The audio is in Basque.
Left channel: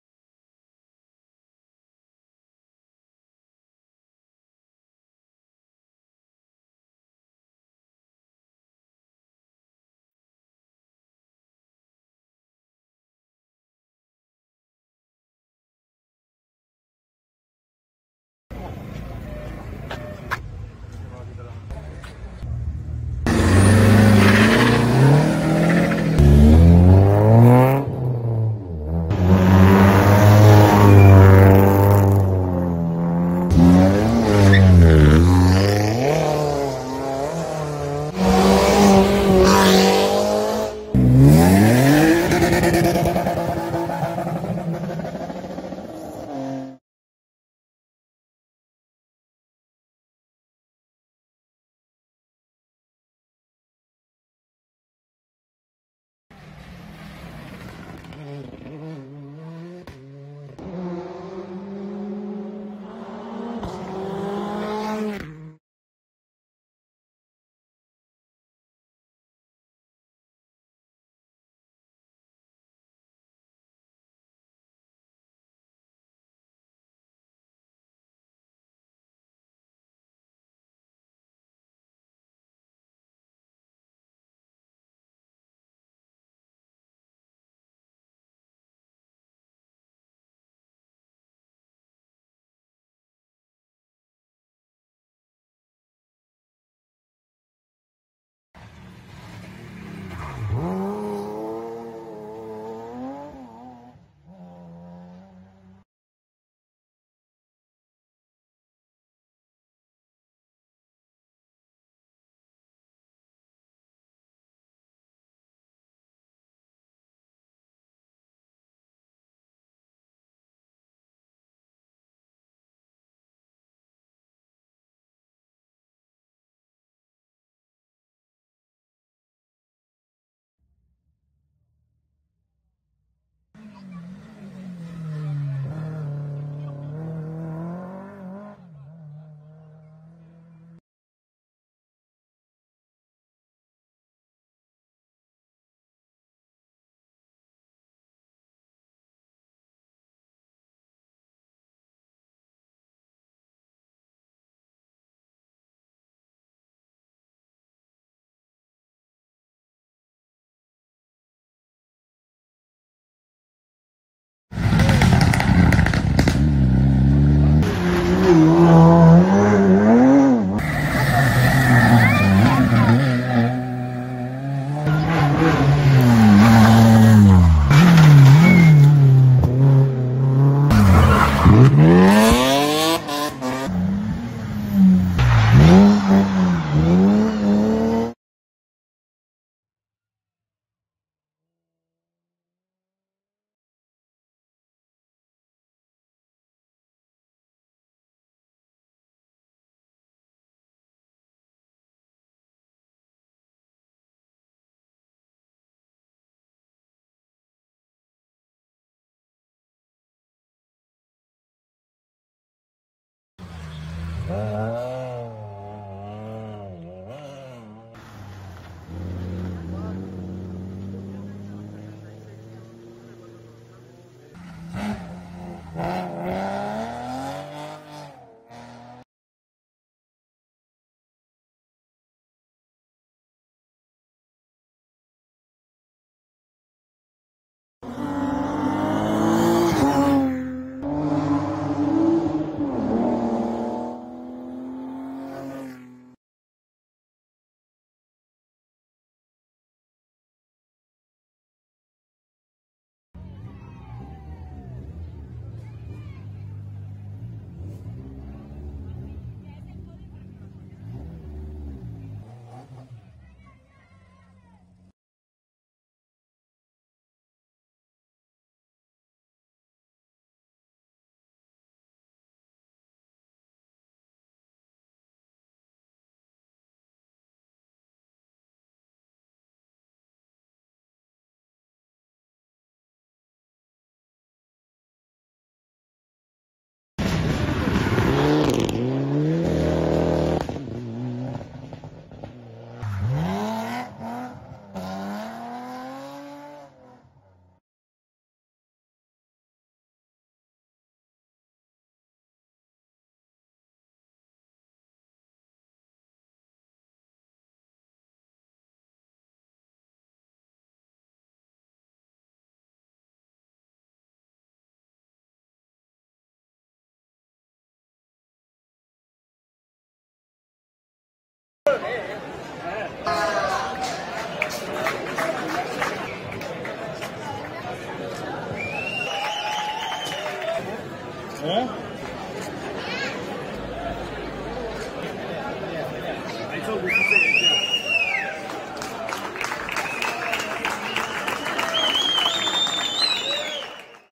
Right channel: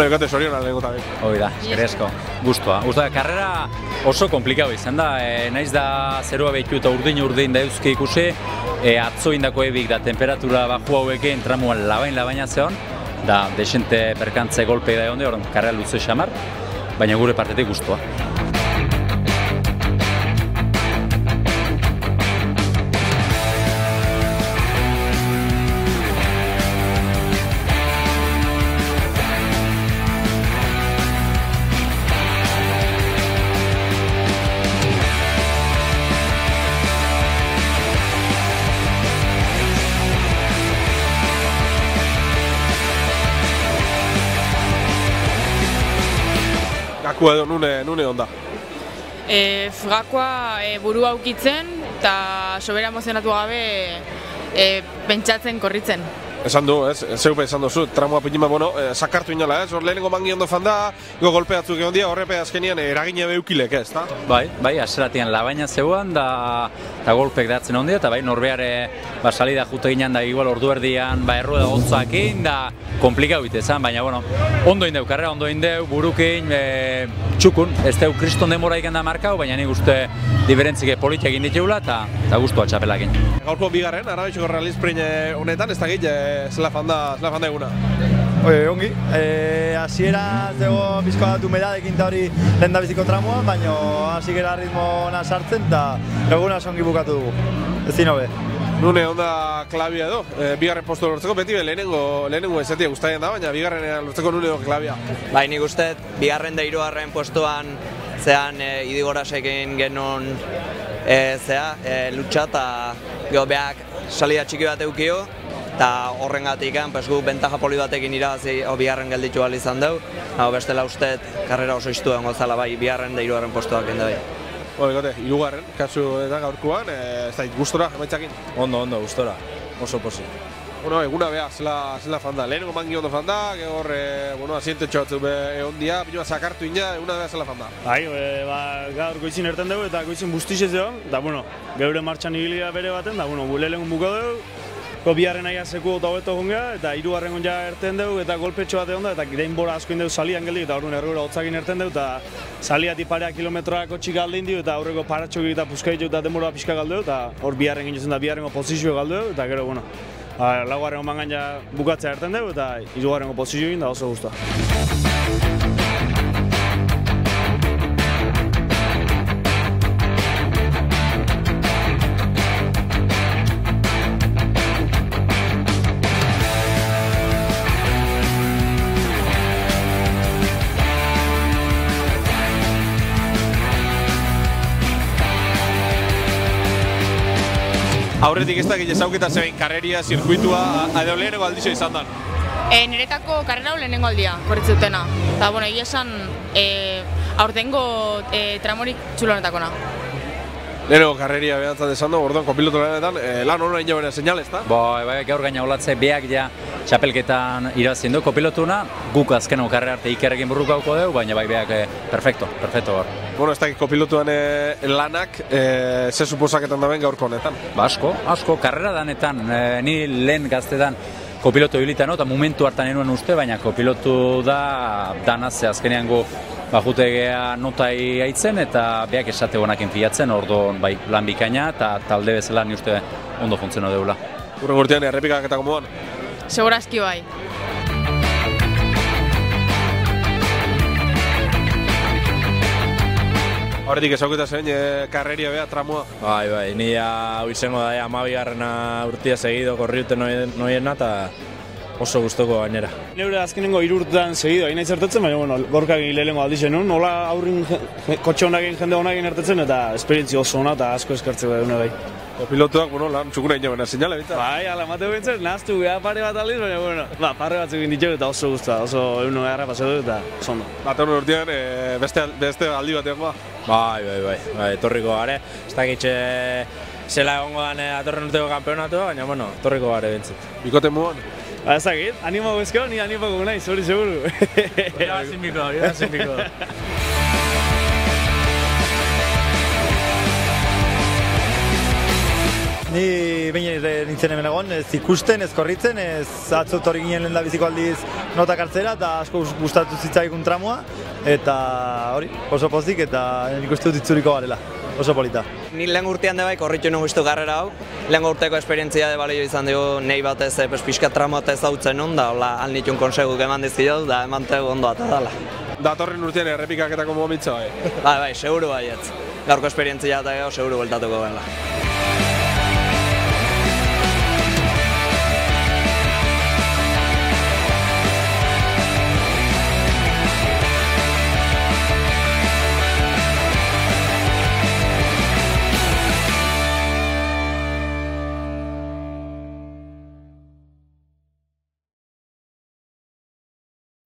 Bueno, ikate soriona lehenko tabi. Hoi da, eskerezko, guztua. Karrera oso komplikau izan da, naiz da zerua behitu eta urdin da euski ikusi, atzo indako ebik da temperatura baju hauekin tramuan labaina zeon, da desente perkantze golpe da egon hor karrera luze xamar, baina gure partetik guztua. Gakua edo nune onda? Gakoa burua ukitzen eta sobera emozionatu gabe pentsatzen korritzen. Esan du, ez? Zeupe esan duzu, tramua pinima, sakartu inola, ez? Hor lehenengo mangi ondo fanda, golpe batzuk egon dia, horrepe azkenian eragine beukilek, ez, da? Bai, aseratian labaina zeuan, da golpek datzen ondia, eta bai, norbeare salida jute ginen, da igual ordu erdian, errueda gontzakin, da komplikau bitezan, baina, ondo indeu, karrera ondo indeu, burukin, txukun, ez deu kriston demora ikan da markau, baina nik uste diferentzik politia egin ditugula, eta guztua txapelakin. Gaurko bigarren, Arabetxuko realizprin honetan, ez da git, zela fanda eguna? Ongi, hasiera zego bizko datu medadekin eta hori lehen da biziko tramuan, baina hasi gara ritmo ona sartzen eta eguna songi bukatu dugu, ez zin hobe. Nune onda klabia edo, bigarren postu lortzeko, beti lehenengo ezatia guztaien da, baina bigarren lortzeko nune edo klabia. Bai, nik uste, bigarren da hirugarren postuan zean Idigorasekin genuen lutsa eta geho behak salida txiki bat eukio, eta horrengatik gu bentaja poli batekin irabazi bigarren gelditu ahal izan dugu. Bestela usteet karrera oso iztu egon gozala bai, bigarren da hirugarren postuak enda bai. Hirugarren, kasu eta gaurkoan, ez da gustora, emaitzakin? Ondo, gustora, oso posi. Eguna beha, zela fanda, lehenengo mangi ondo fanda, gehor, asiente txotzuk egon dia, pinua sakartu ina, eguna beha zela fanda. Bai, gaur goizin erten dugu eta goizin bustixez egon, da, geure martxan ibilia bere baten, da, lehenengo buko dugu, biharren aia seku eta hobeto gongea, eta hirugarren gonja erten dugu, eta golpetxo bat egon da, eta denbora asko indegu salian geldik, eta orduan errura hotzakin erten dugu, eta saliati parea kilometroako txika aldein dio, eta aurreko paratxok eta puskaitu eta denbora pixka galdu, eta hor biharren ginen da biharrengo posizio galdu, eta gero, laugarrengo mangan ja bukatzea erten dugu, eta hirugarrengo posizio egin da oso guztua. Aurretik ez dakit ezauketa zebein karreria, zirkuitua, edo lehenengo aldizio izan da? Niretako karrera lehenengo aldia, korritzutena. Eta, egia esan, aurtengo tramorik txulonetako na. Lehenengo karreria behantzat esan dugu, orduan kopilotu lanetan, lan hona ina bera senyal, ez da? Bai, gaur gaina olatze beak ja txapelketan irazien du kopilotuna, guk azkeneko karrera arte ikerrekin burrukauko dugu, baina bai beak perfecto gaur. Ez dakit kopilotuan lanak, ze suposaketan daben gaurko honetan? Asko, karrera danetan, ni lehen gaztetan kopilotu hilita eta momentu hartan enuen uste, baina kopilotu da danaz azkenean gu jutegea notai haitzen eta beak esate honakin filatzen, orduan bai lan bikaina eta talde bezala ni uste ondo funtziono deula. Urren urtean errepikaketako moduan? Segurazki bai. Horretik ezauketa zein karreria beha, tramua? Bai, ni hau izango da, 12. urtia segido korriute noiena eta oso gustoko gainera. Neure azkenengo 3 urtean segido hain naiz ertetzen, baina gorkagin lehenengo aldizen nun, nola aurrin kotxe honakin, jende honakin ertetzen eta esperientzia oso ona eta asko eskartzeko dune bai. Pilotuak, lan txukuna ina bena senyala, bintzat? Bai, ala mateu bintzen, nahaztu geha pare bat aldiz, baina, parre batzuk egin ditugu eta oso guztua, oso egun garra pasatu eta oso ondo. Eta hori urtean, beste aldi bat egon ba? Bai, etorriko gare, ez dakitxe zela egongo dan atorren urteko kampeonatua, baina, etorriko gare bintzat. Bikote muan? Ba, ez dakit, animo guzko, ni animako naiz, hori seguru. Irabazinbiko. Ni behin nintzen hemen egon, ez ikusten, ez korritzen, ez atzot hori ginen lehen da biziko aldiz notak hartzera, eta asko gustatu zitzaikun tramua, eta hori, oso pozik, eta nik uste dut itzuriko garela, oso polita. Ni lehen urtean de bai korritu nugu iztu garrera hau, lehen urteko esperientzia de balio izan dugu nahi batez pixka tramua eta ezautzen hon, da hola alnitun konseguk eman dizkidot, da eman tegu ondo eta dala. Datorren urtean errepikaketako momentza bai. Bai, seguru baietz. Gaurko esperientzia eta seguru bueltatuko gela.